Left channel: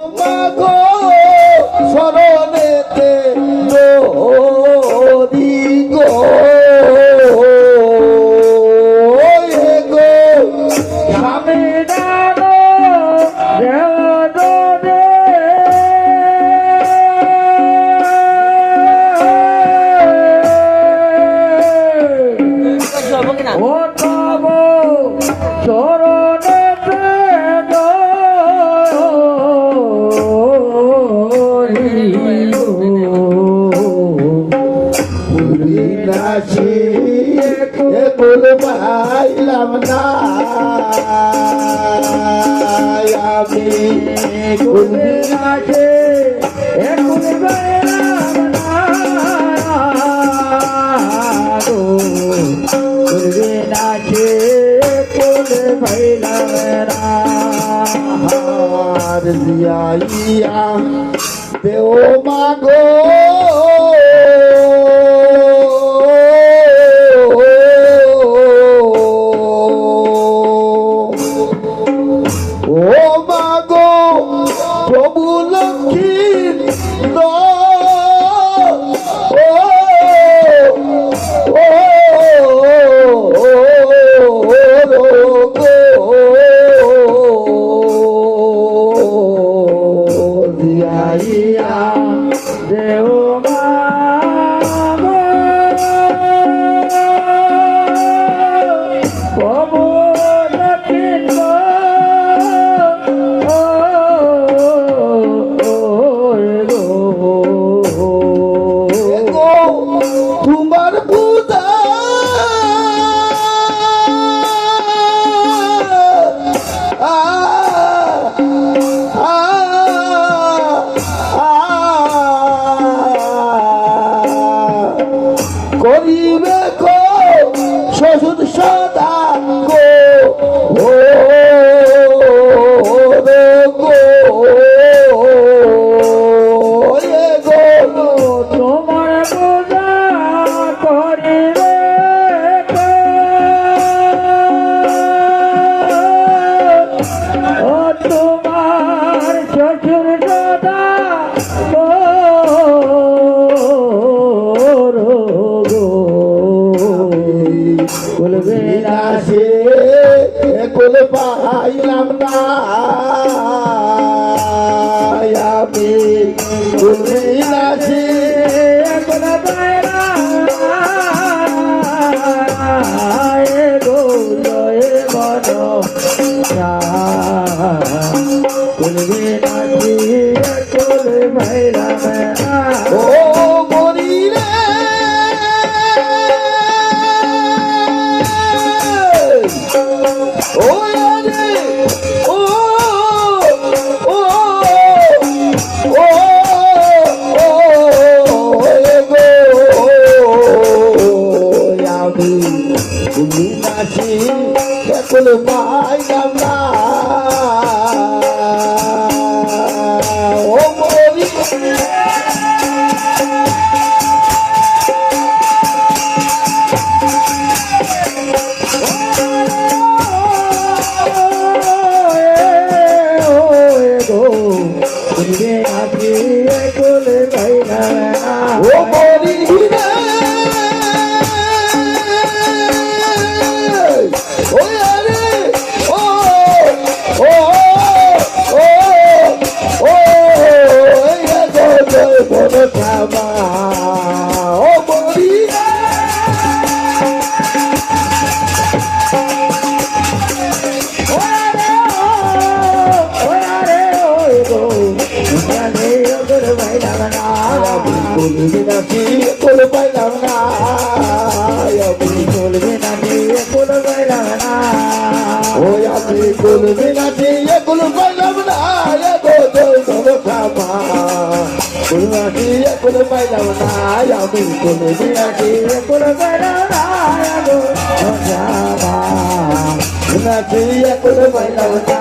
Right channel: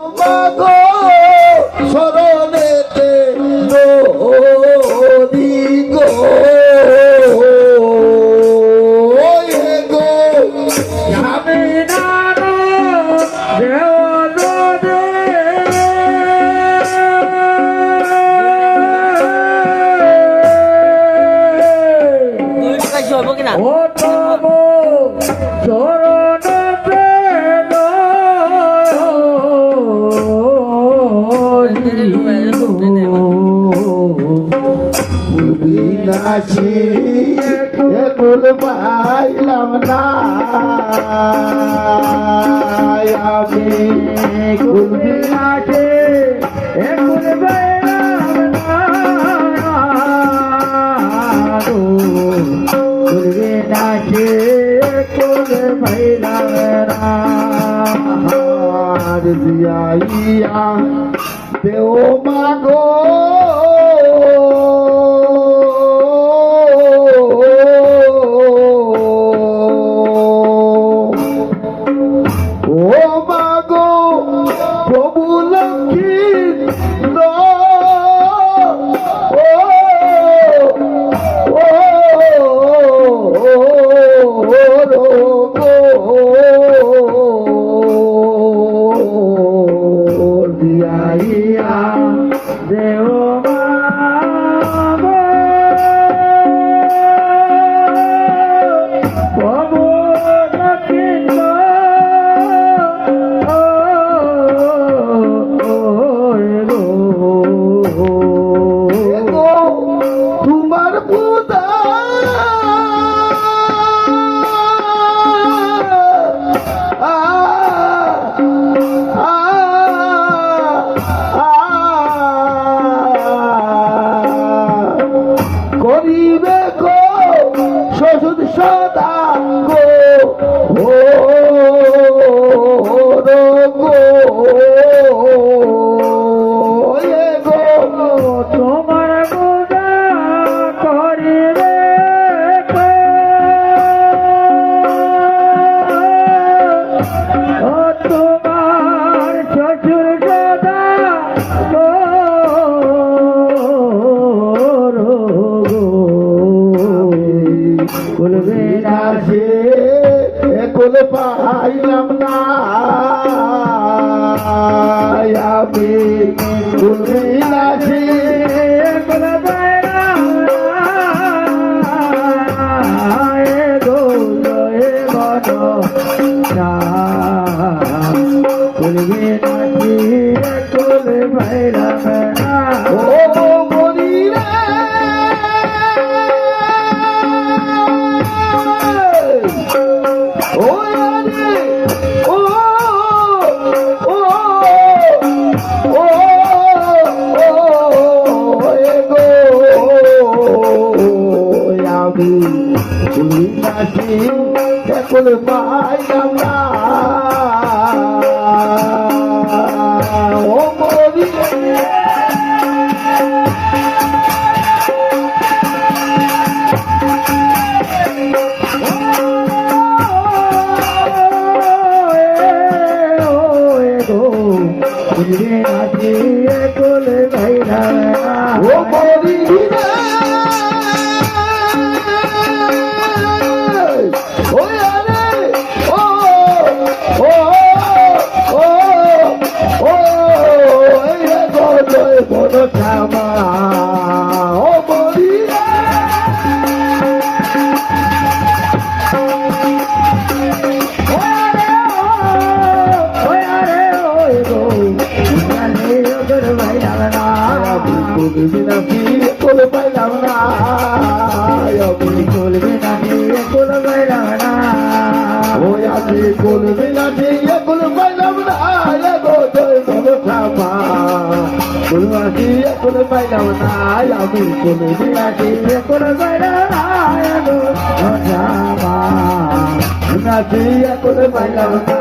মাগো শরণেতে নদী গো স্বামী নানো ও তব শরণতে নাচি একুল পাইলাম না আমি কুলবি নাচে একুল কুলবি নাচে কুল ভাইলাম দিয়াইয়া দেও মাগো ও মাগো প্রভু লক্ষ্মীর দিয়াইয়া দেও প্রভু তোমার পূজা করিবে গো শ্বশুর সদা গো তোমার পূজা করিবে ও তোমার শ্বশুর সদা বলবে না সে কুল পাইলাম না আমি কুলিনাছি ও মরি রে ও রে ও ও ও আমি তুমি নাচি কুল পাইলাম না ও মরি ও মরি রে ও রে ও ও ও ও গো থামা ও মরি নাচি কুল পাইলাম না ও আমি কুলবি নাচি কুল পাইলাম না কুলমাচি কুল পাইলাম না আমি কুলবি নাচি কুল নাচি কুল পাইলাম না